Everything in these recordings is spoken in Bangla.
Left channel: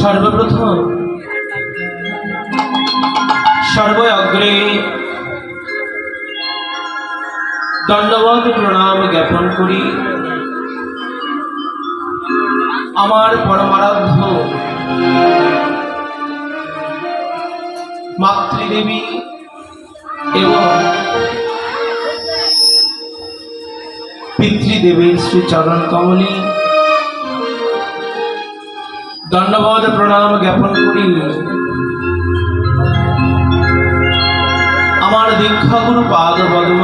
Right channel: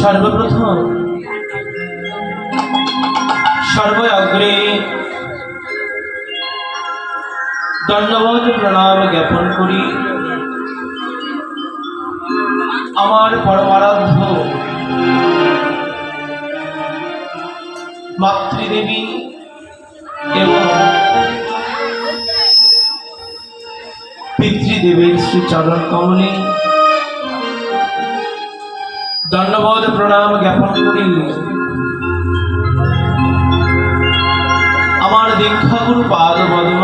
সর্বপ্রথম সর্বগ্রে দণ্ডবত প্রণাম জ্ঞাপন করি আমার পরমারাধ্য মাতৃদেবী এবং পিতৃদেবীর শ্রী চরণ কমলে দণ্ডবত প্রণাম জ্ঞাপন করি আমার দীক্ষাগুরু পাদ পদ্ম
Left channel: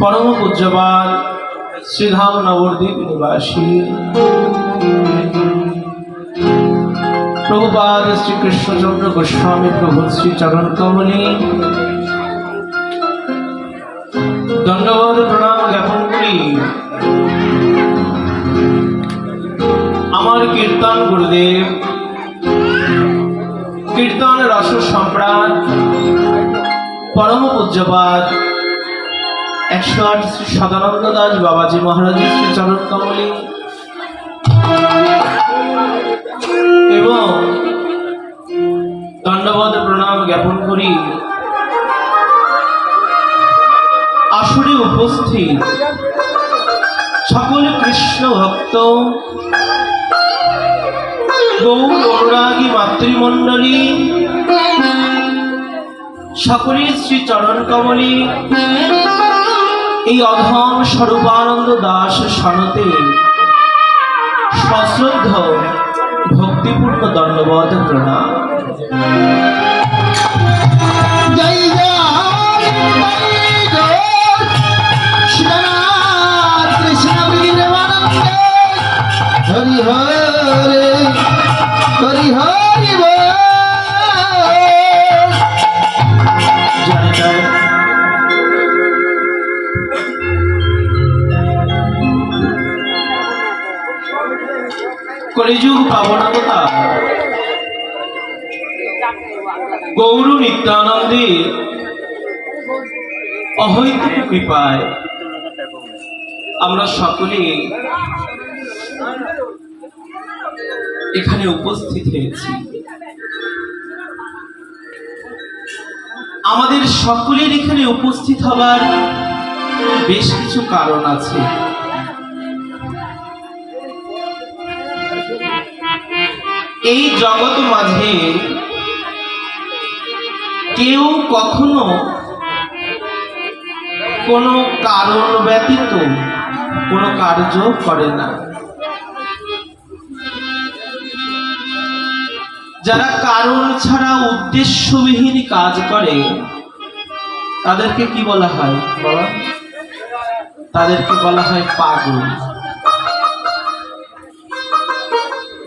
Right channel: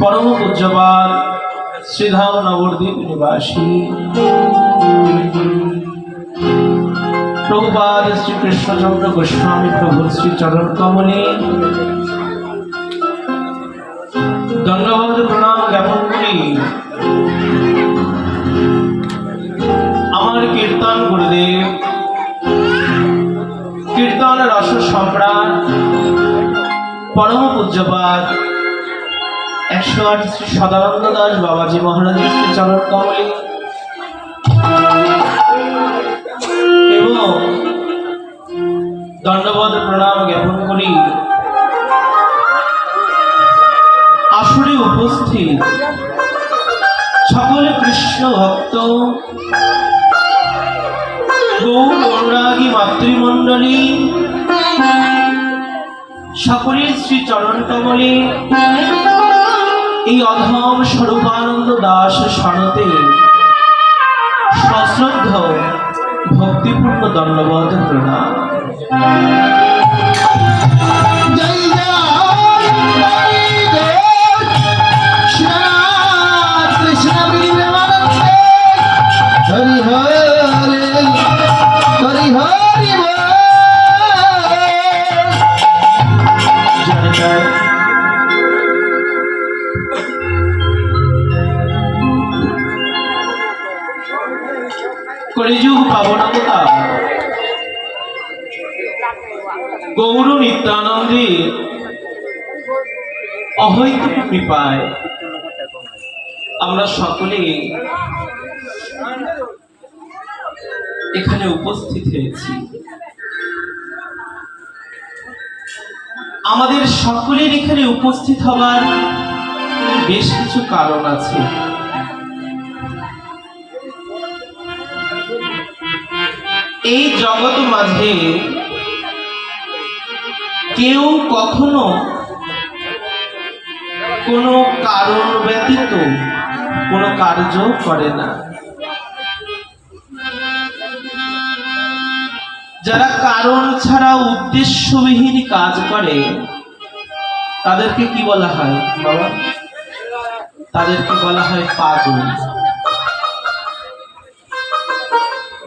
পরম পূজ্যপাদ শ্রীধাম নবদ্বীপ নিবাসী প্রভুপাদ শ্রীকৃষ্ণচন্দ্র গোস্বামী প্রভুর শ্রী চরণ কমলে দণ্ডবত প্রণাম জ্ঞাপন করি আমার কীর্তন গুরুদেব কীর্তন রস সম্রাট পরম পূজ্যপাদ 108 শ্রী সদানন্দ দাস বাবাজি মহারাজের শ্রী চরণ কমলে এবং দণ্ডবত প্রণাম জ্ঞাপন করি আসরে উপস্থিত সকলে কৃষ্ণ ভক্ত গৌর অনুরাগী মাতৃমণ্ডলী সকলের শ্রী চরণ কমলে এই অধম স্বরূপানন্দ দাস সনতে সশ্রদ্ধ ভক্তিপূর্ণ দণ্ডবত প্রণাম। কলিযুগ পাবনতা গৌর নিত্যানন্দে অহৈতুক কৃপায় আমরা সকলে এখানে উপস্থিত হয়েছি। আমাদের সকলের এখানে উপস্থিত হবার বেশ কিছু কারণ আছে। এই জগৎ মাঝে কেউ কখনো কোনো কারণ ব্যতীত কোনো কার্য করে না। যারা কারণ ছাড়া উদ্দেশ্যবিহীন কাজ করে তাদেরকে কি বলা হয়? তাদেরকে বলা হয় পাগল।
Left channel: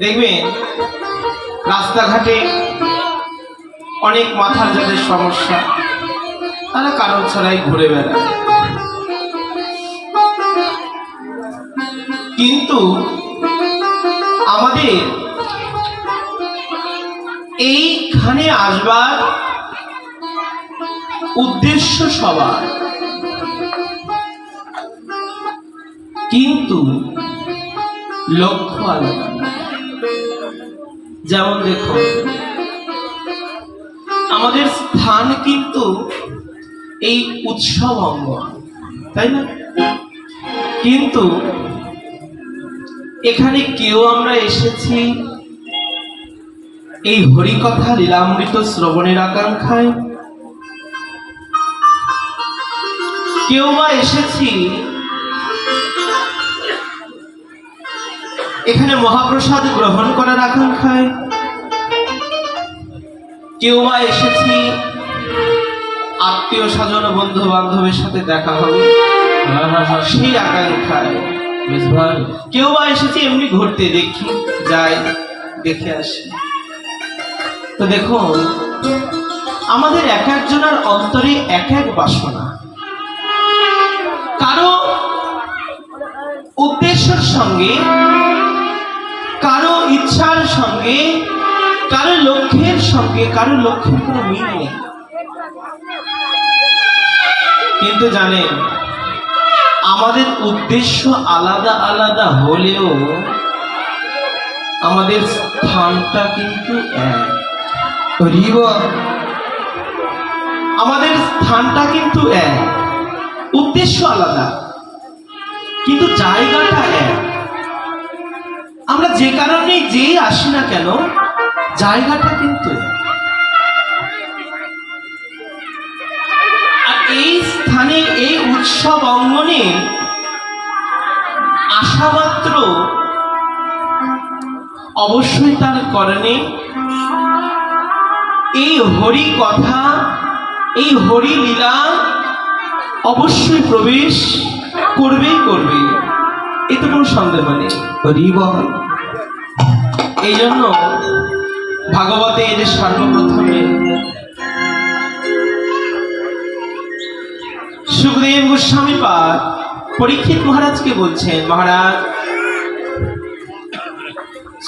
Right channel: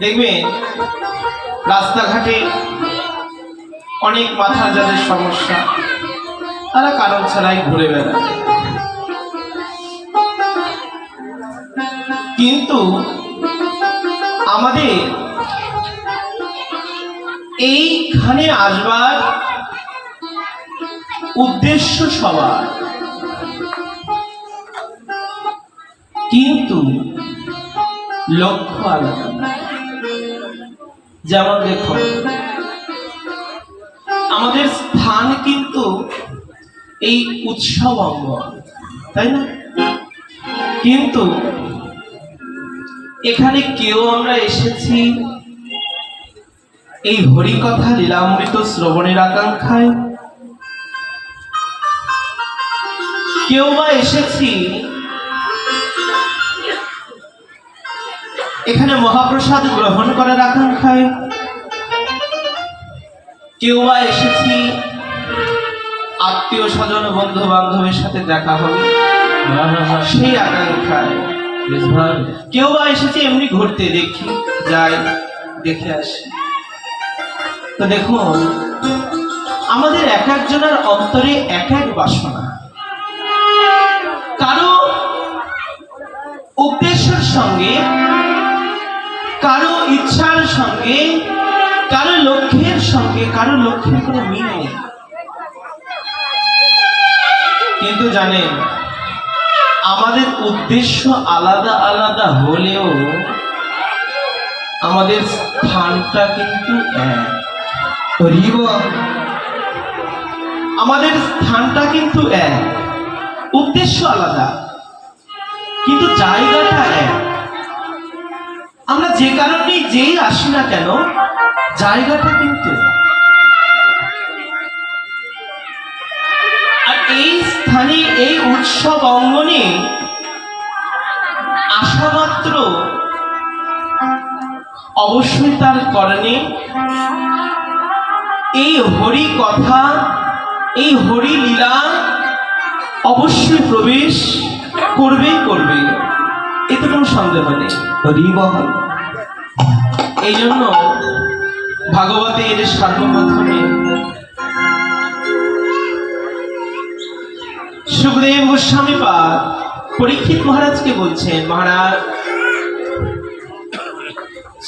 দেখবেন রাস্তাঘাটে অনেক মাথার যাদের সমস্যা তারা কারণ ছাড়াই ঘুরে বেড়ায়, কিন্তু আমাদের এইখানে আসবার উদ্দেশ্য সবার, কিন্তু লক্ষ্য আলাদা। যেমন দেখো, আমাদের স্থান কিন্তু এই উৎসব অঙ্গন, তাই না? কিন্তু এখানে কেউ আমরা এসেছি এই হরিকথা লীলামৃত শ্রবণের আকাঙ্ক্ষায়, কেউ বা এসেছি এখানে মহাপ্রসাদ গ্রহণ করার আকাঙ্ক্ষায়, কেউ বা এসেছি আত্মীয় স্বজন বন্ধু বান্ধবের সাথে দেখা হবে সেই আকাঙ্ক্ষায়, কেউ বা এসেছি এমনি ঘুরতে, দেখি যাই দেখে আসি। তো দেখুন, আমাদের এক একজনের অন্তরে এক এক বাসনা, কারো উদ্দেশ্যের সঙ্গে, কারো ইচ্ছার সঙ্গে, কারো লক্ষ্যের সঙ্গে, কারো লক্ষ্যের কোনো মিল নেই। কিন্তু জানেন, আমাদের উদ্দেশ্য আলাদা আলাদা হলেও আমাদের স্থানটা কিন্তু এক। আমাদের স্থানটা কিন্তু এক, উদ্দেশ্য আলাদা কিন্তু জায়গাটা এক। আমরা যে কারণে যেই আসি না কেন, জায়গাটা কিন্তু এক। আর এই স্থানে, এই উৎসব অঙ্গনে আসা মাত্র অবশ্যই তার করণে এই হরি কথা, এই হরি লীলা অবশ্যই প্রবেশ করবেই করবে, এতে কোনো সন্দেহ নেই। এই জন্য ভাগবতে এর সর্বপ্রথমে সুখদেব গোস্বামী পাদ পরীক্ষিত মহারাজকে বলছেন, মহারাজ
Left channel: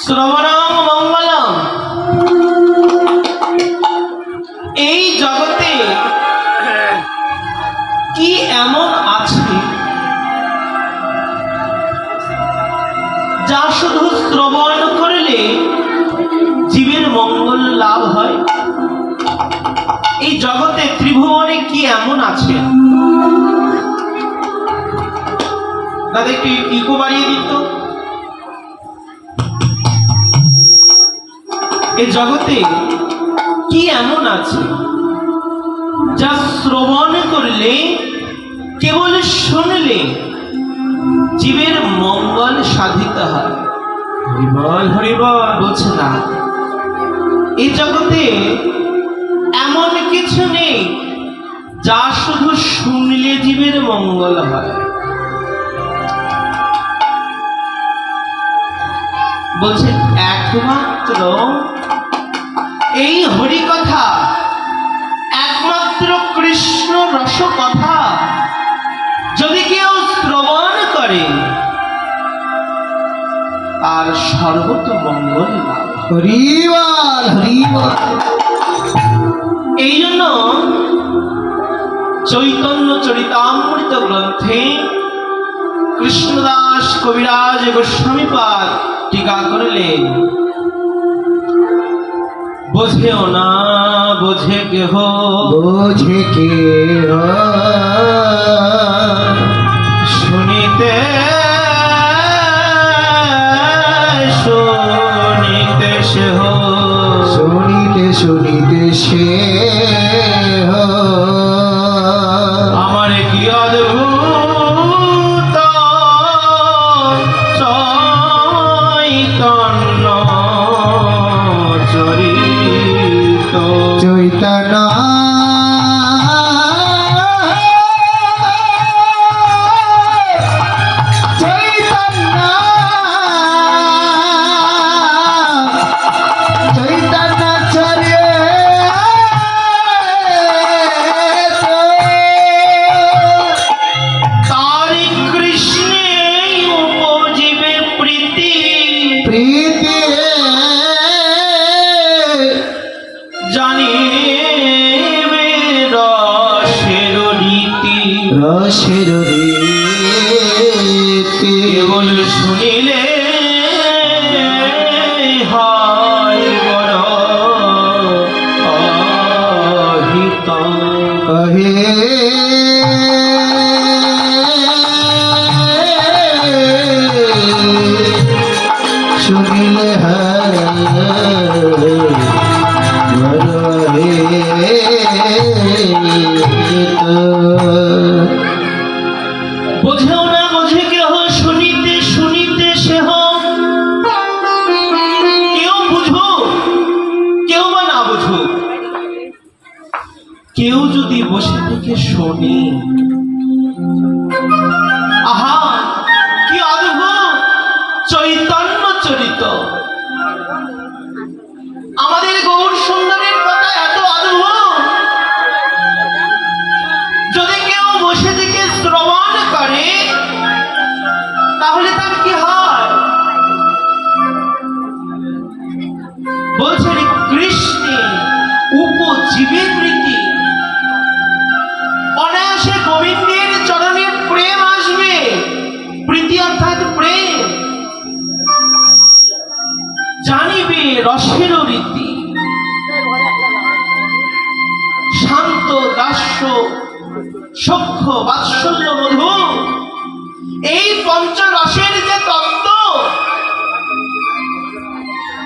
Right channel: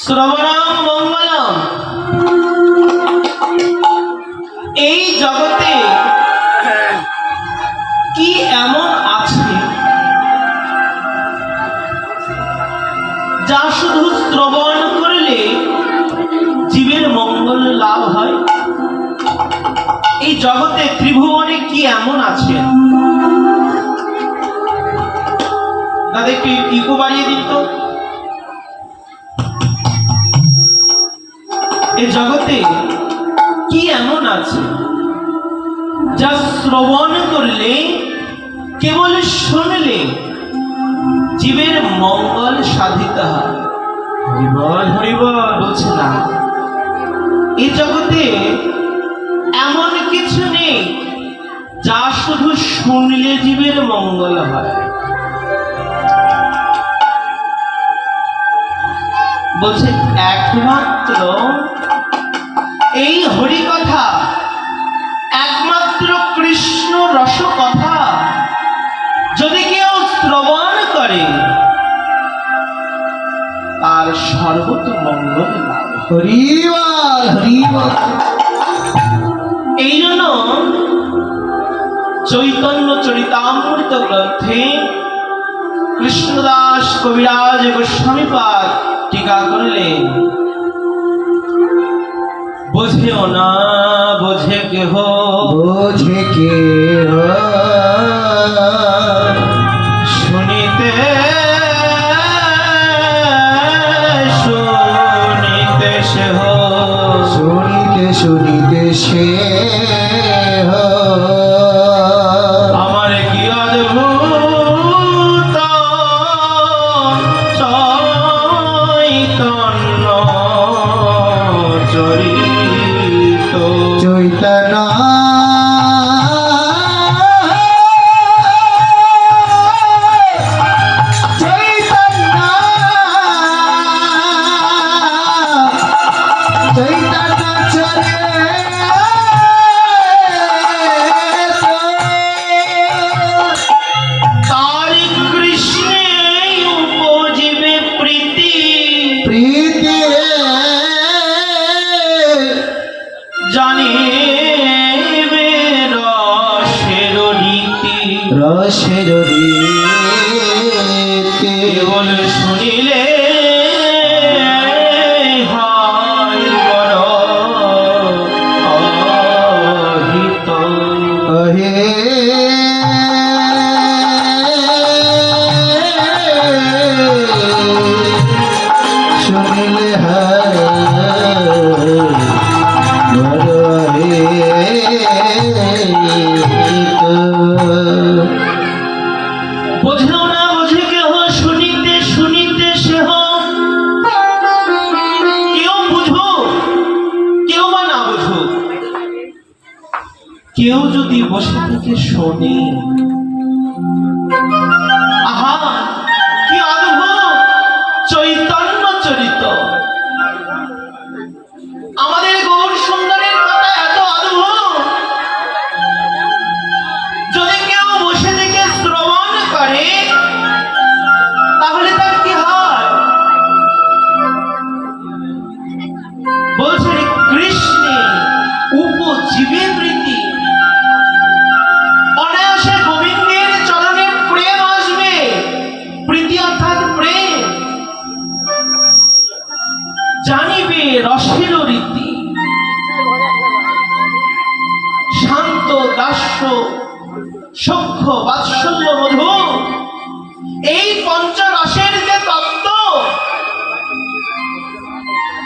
শ্রবণং মঙ্গলম, এই জগতে কি এমন আছে যা শুধু শ্রবণ করলে জীবের মঙ্গল লাভ হয়? এই জগতে ত্রিভুবনে কি এমন আছে? দাদা একটু ইকো বাড়িয়ে দিত। এই জগতে কি এমন আছে যা শ্রবণ করলে, কেবল শুনলে জীবের মঙ্গল সাধিত হয়? হরিবল হরিবল। বলছে না, এই জগতে এমন কিছু নেই যা শুধু শুনলে জীবের মঙ্গল হয়। বলছে একমাত্র এই হরি কথা, একমাত্র কৃষ্ণ রস কথা যদি কেউ শ্রবণ করে, তার সর্বত মঙ্গল লাভ। হরিবল হরিবল। এই জন্য চৈতন্য চরিতামৃত গ্রন্থে কৃষ্ণদাস কবিরাজ গোস্বামী পাদ টিকা করলেন, বোঝেও না বোঝে কেহ, বোঝে কেহ শুনিতে শুনিতে সেহ, শুনিতে শুনিতে সে আমার কি অদ্ভুত চৈতন্য চরিত। চৈতন্য রসের রীতি কেবল শুনিলে হয় বড় অহিত। শুনিলে হয় বড় বোঝেও না বোঝে কেহ, শুনিতে শুনিতে সেহ। কেউ বুঝো, কেউ বা না বুঝো, কেউ যদি বসে থেকে শোনে, আহা কি অদ্ভুত চৈতন্য চরিত। আমাদের গৌর সুন্দরের কথা এত অদ্ভুত, যদি কেউ বসে থেকে শ্রবণ করে তাহলে তার কি হয়? বলছে কৃষ্ণে উপজীবে প্রীতি, অনায়াসে গোবিন্দের চরণে প্রেম আসবে। প্রীতি অর্থাৎ প্রেম। জানিবে রসের রীতি, শান্ত দাস্য সখ্য বাৎসল্য মধু, এই পঞ্চরসের যে তত্ত্ব,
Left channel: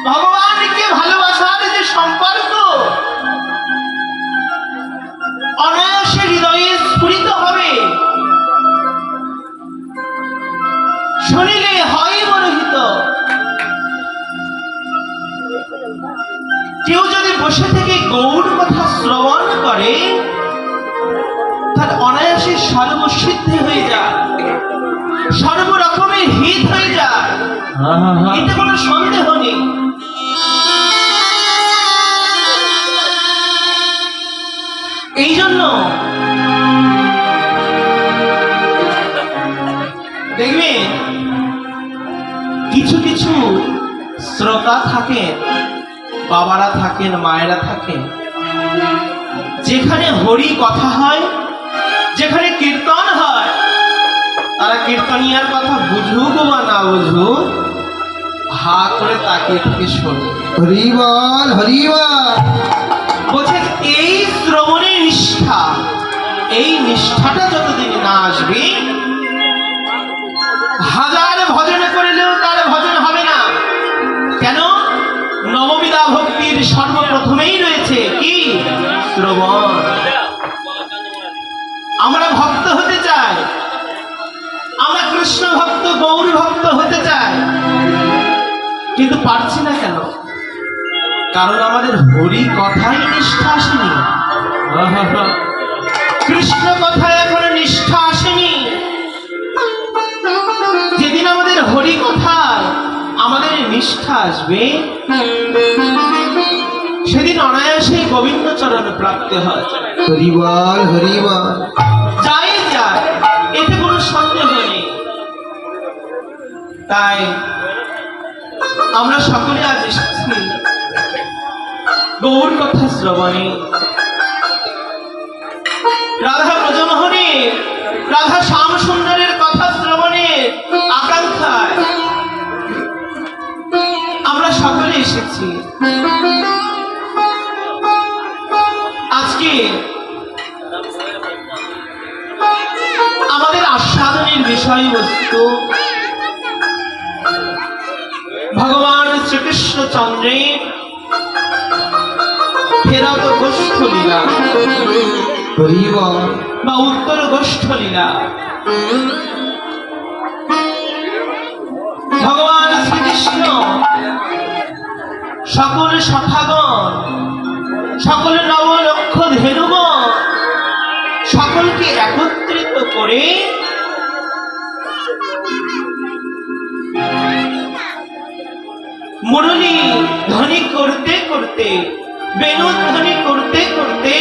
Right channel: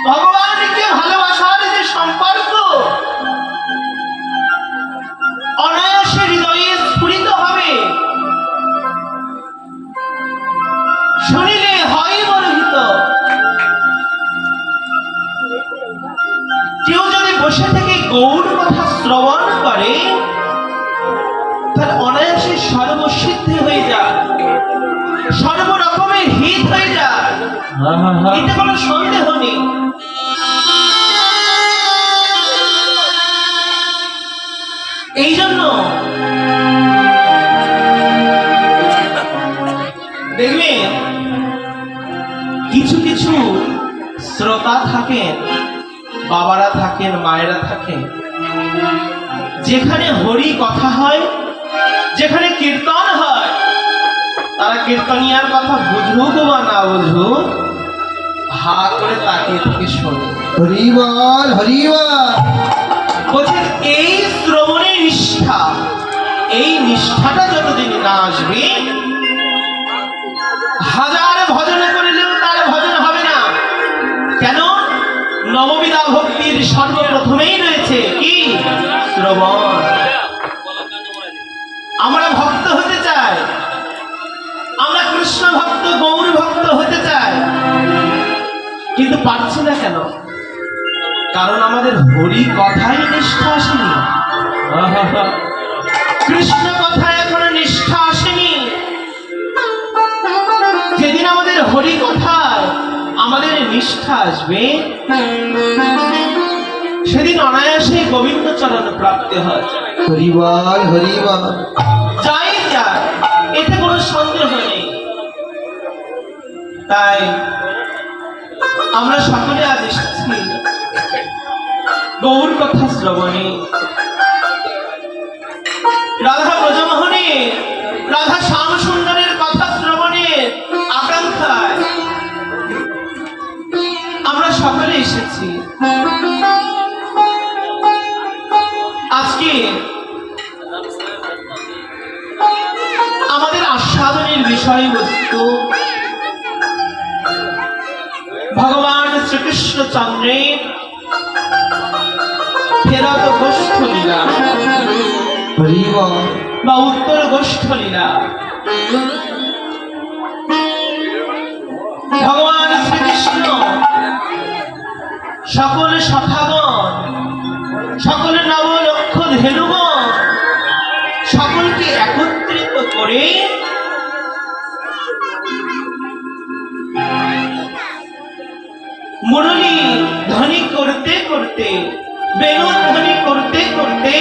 ভগবানকে ভালোবাসার যে সম্পর্ক অনায়াসে হৃদয়ে স্ফুরিত হবে, শুনিলে হয় মনোহিত। কেউ যদি বসে থেকে গৌর কথা শ্রবণ করে, তার অনায়াসে সর্বসিদ্ধি হয়ে যায়, সর্বরকমের হিত হয়ে যায়, এতে কোনো সন্দেহ নেই। এই জন্য দেখবেন কিছু কিছু শ্রোতা থাকেন, বাবারা থাকেন, মায়েরা থাকেন, যেখানে হরি কথা হয়, যেখানে কীর্তন হয়, তারা কীর্তনিয়ার কথা বুঝুক বা না বুঝুক, হা করে তাকিয়ে থেকে শোনে। হরি বল হরি বল। বলছেন এই শ্রবণের নিষ্ঠা, এই নিষ্ঠাটা যতদিন না আসবে, হাজার ভজন করলেও তার ভজন হবে না। কেন? নববিধা ভক্তির সর্বপ্রথমেই রয়েছে কি? শ্রবণ। আমরা ভক্ত হতে চাই, আমরা কৃষ্ণ ভক্ত, গৌর ভক্ত হতে চাই, কিন্তু পারছি না কেন? কারণ আমাদের হরি কথাই নিষ্ঠা আসেনি, কৃষ্ণ কথায় এখনো নিষ্ঠা আসেনি। যেদিন আমাদের হরি কথায় আমাদের নিষ্ঠা আসবে, সেদিন অনায়াসে গোবিন্দ চরণে প্রাপ্তি হয়। হরি বল হরি বল। যাই যায়, এতে কোনো সন্দেহ নেই। তাই আমরা সকলে আজ এসেছি গৌর কথা শ্রবণে, রাধা ব্রজমোহনের, রাধা শ্যাম সুন্দরের কথা শ্রবণের আকাঙ্ক্ষায় আমরা সকলে এসেছি। আজকে আমাদের আস্বাদনের বিষয়বস্তু ভগবান শ্রীকৃষ্ণ চন্দ্রের ফেরত গোষ্ঠ লীলা হরি বল বা উত্তর গোষ্ঠ লীলা। ভগবান শ্রীকৃষ্ণ সকল সখাগণ, সকল নবলক্ষ ধেনুগণ, সকলকে একত্রিত করে মুরলী ধ্বনি করতে করতে, বেণু ধ্বনি করতে করতে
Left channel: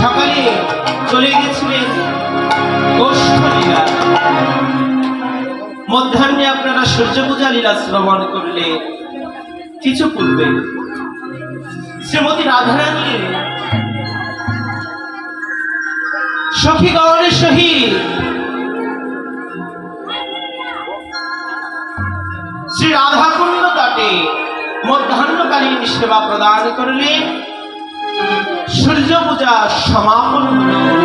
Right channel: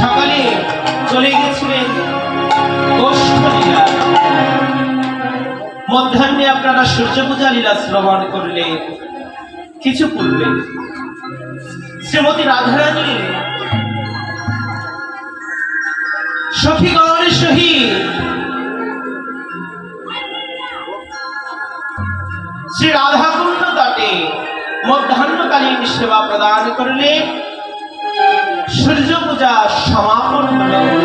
সকালে চলে গেছিলেন গোষ্ঠ লীলা। মধ্যাহ্নে আপনারা সূর্য পূজা লীলা শ্রবণ করলে, কিছু পূর্বে শ্রীমতী রাধারানী সখীগণের সহিত শ্রী রাধাকুণ্ড তটে মধ্যাহ্নকালীন সেবা প্রদান করলে সূর্য পূজা সমাপন হল।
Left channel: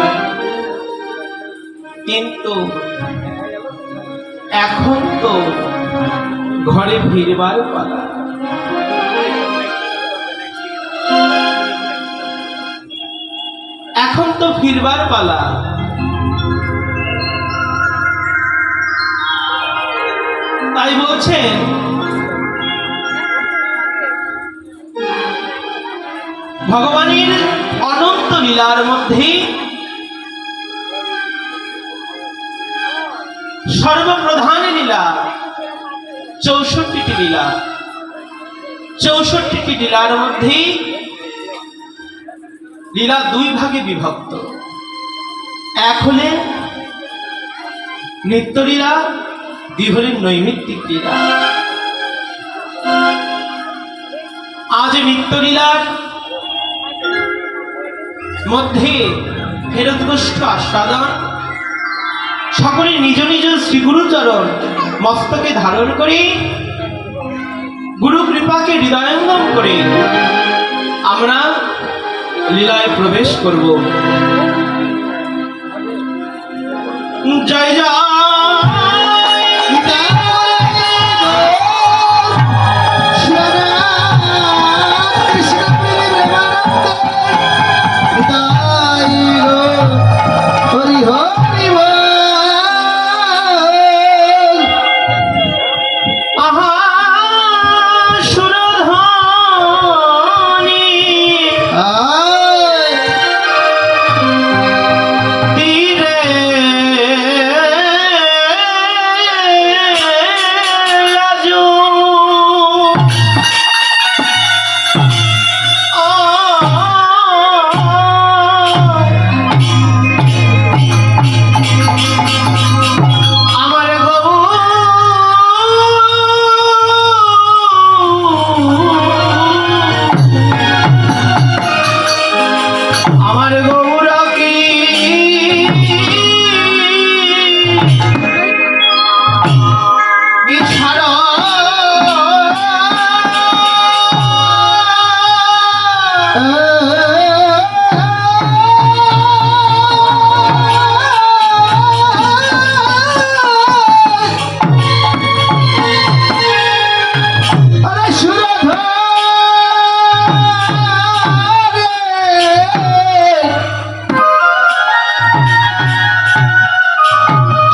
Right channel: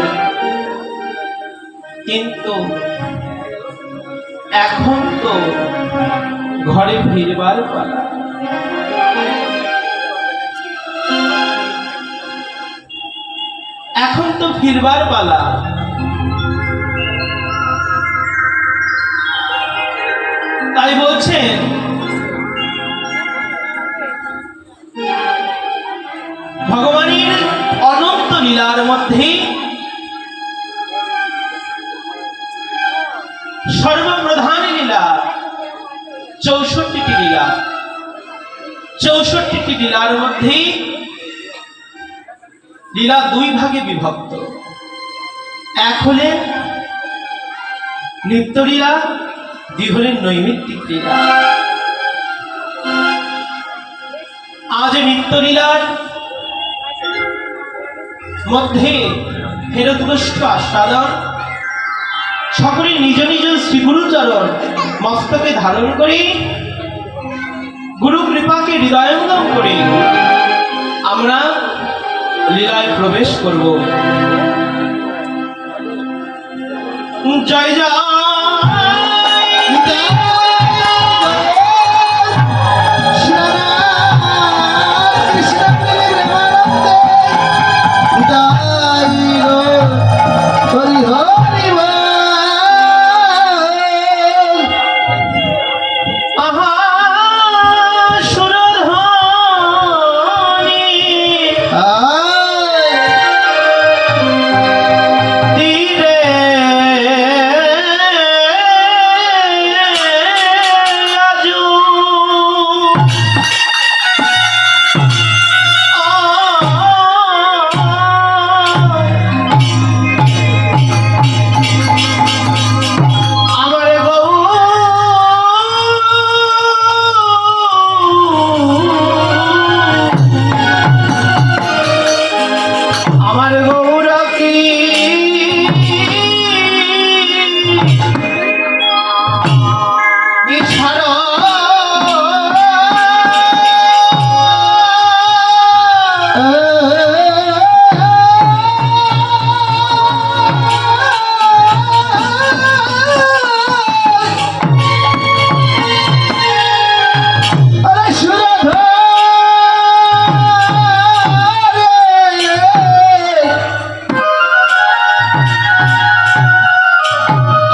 কিন্তু এখন তো ঘরে ফিরবার পালা। এখন তো ফিরবার পালা। তাই বলছেন ভগবানের অনন্ত লীলার মধ্যে সর্বপ্রধান লীলা ৬৪টি লীলা। ৬৪টি লীলার মধ্যে লীলা দুই ভাগে বিভক্ত। এক হলে নিত্যলীলা, দুই হলেন নৈমিত্তিক লীলা। আজ নিত্যলীলার মধ্যে ফেরত গোষ্ঠ আস্বাদন, সকলে নিজ নিজ শ্রীগুরুচরণ মস্তকে ধারণ করে গুরু কৃপাকে হৃদয়ঙ্গম করে আমরা লীলায় প্রবেশ করব। জয় জয় আহা সুরধ্বনি তীরে আজু আমার আমার গৌরা কি বিছাড়া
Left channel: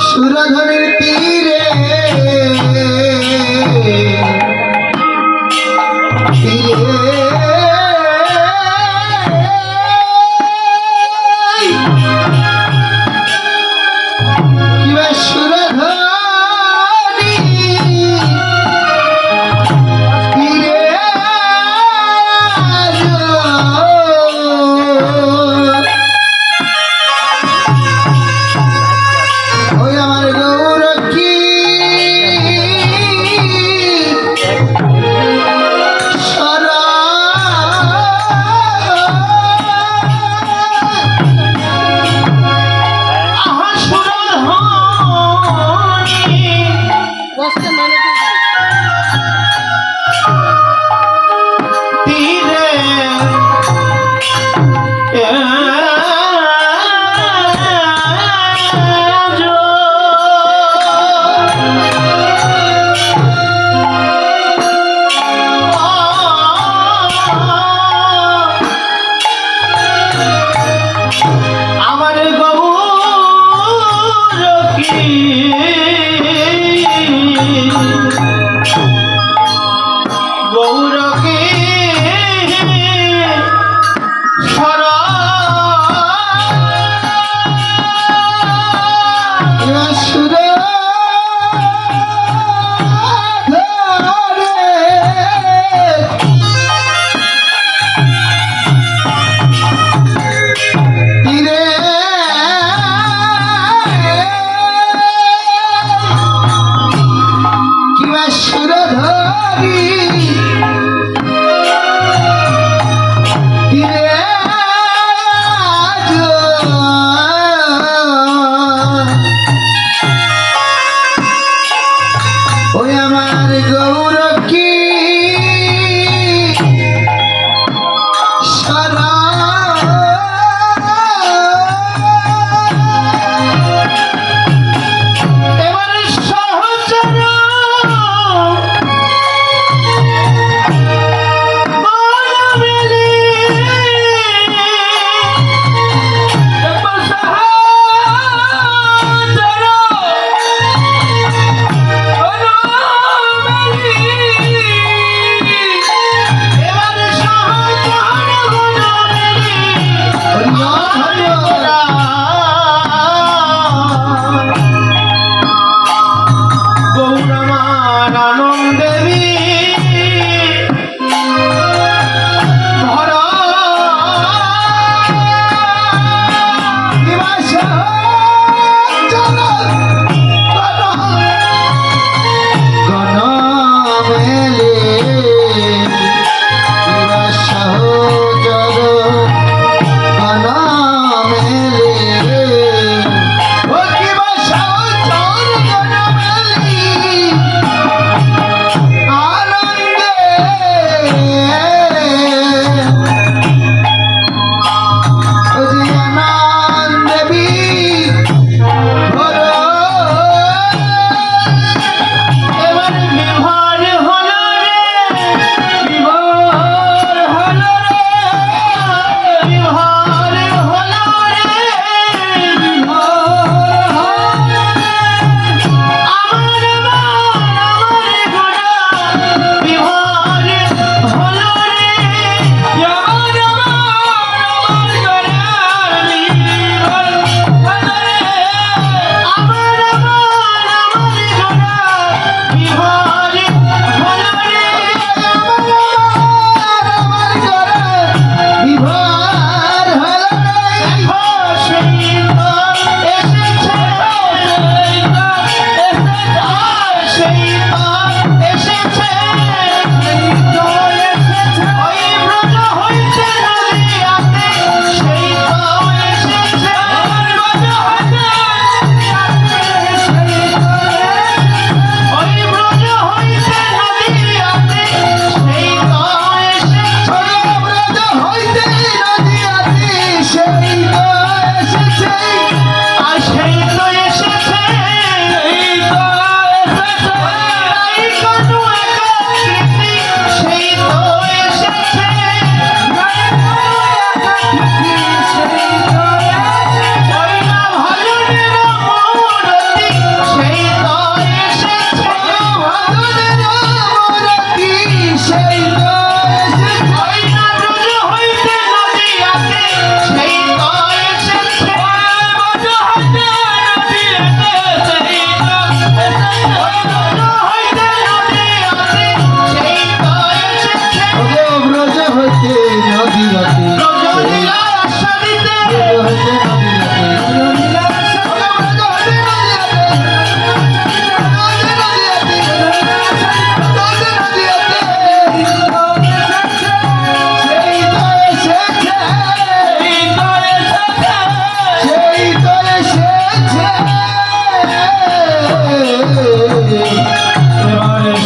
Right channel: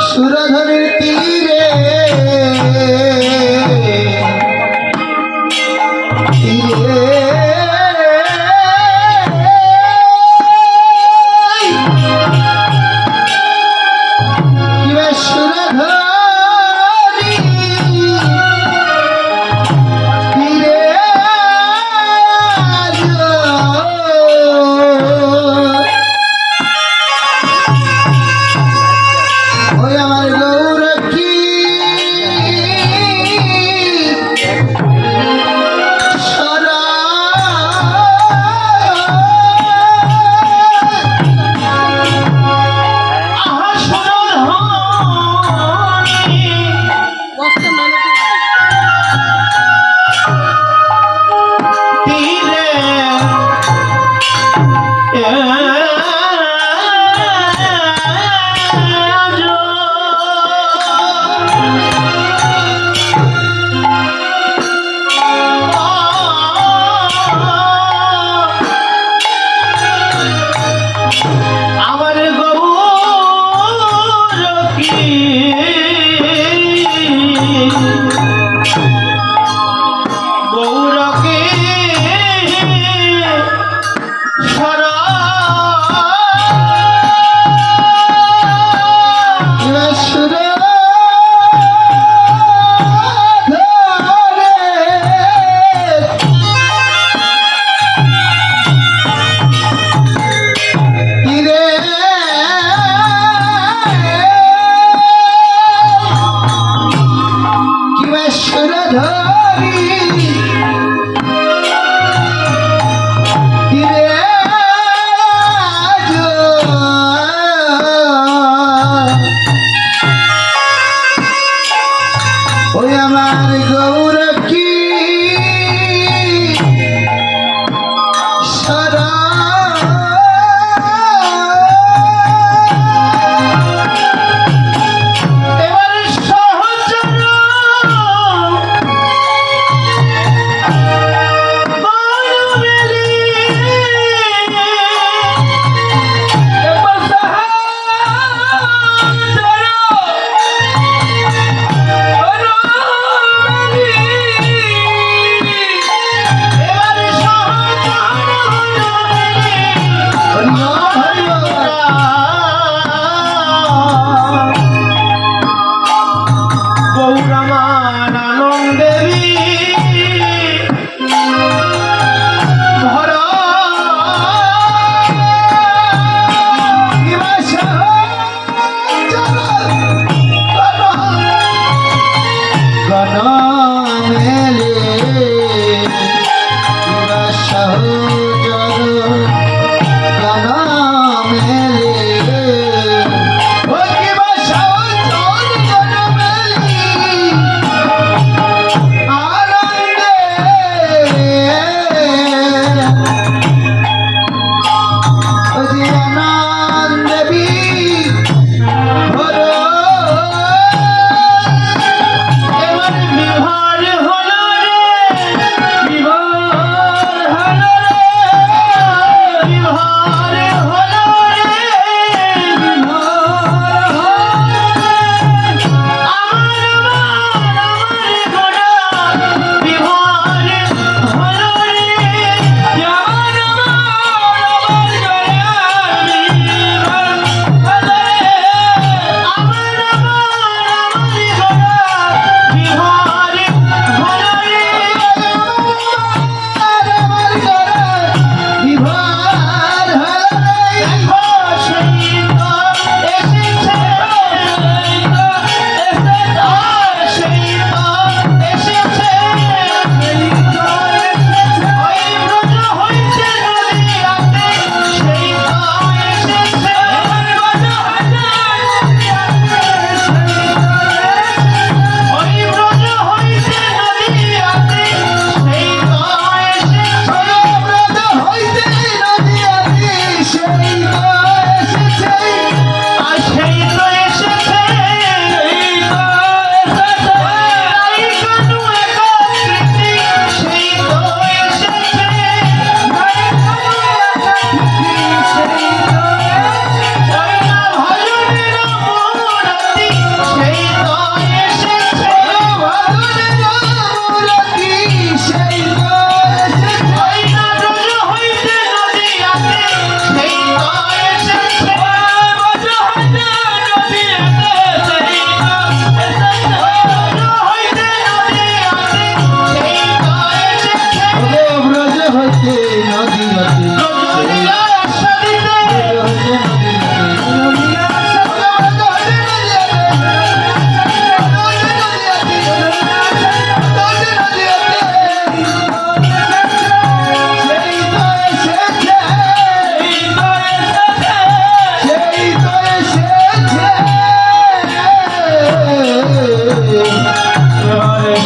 সুরধনের তীরে কিবা সুরধনি তীরে ওই আমার গৌরক্ষী সারা আহা সুরধ্বনি তীরে আজু আমার গৌরকি গৌরকে সরা ওই আমার গৌরক্ষী সারা এবার সহচর মানবেলি এবার সহচর গৌরমান আনন্দেবী ভরা গণ মেলে সহজগ গণ মেলে ও কিবা সহজগ গণ মেলি আনন্দে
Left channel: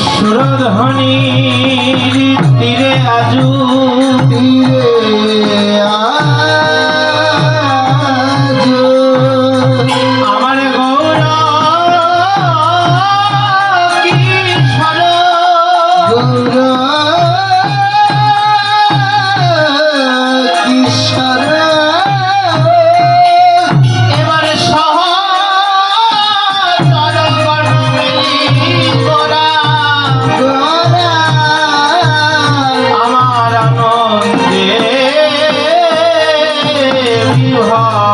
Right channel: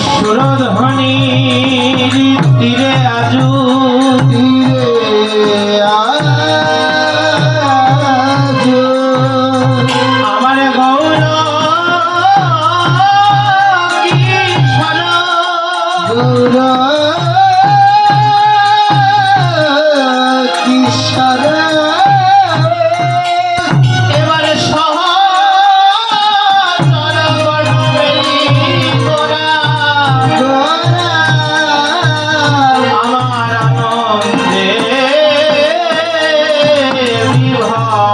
সুরধ্বনির তীরে আজু তীরে আজো আমার গৌর কিশোর কিশোর এবারে সহচর বর্ণেলি গোরা আমার আনন্দে বিভা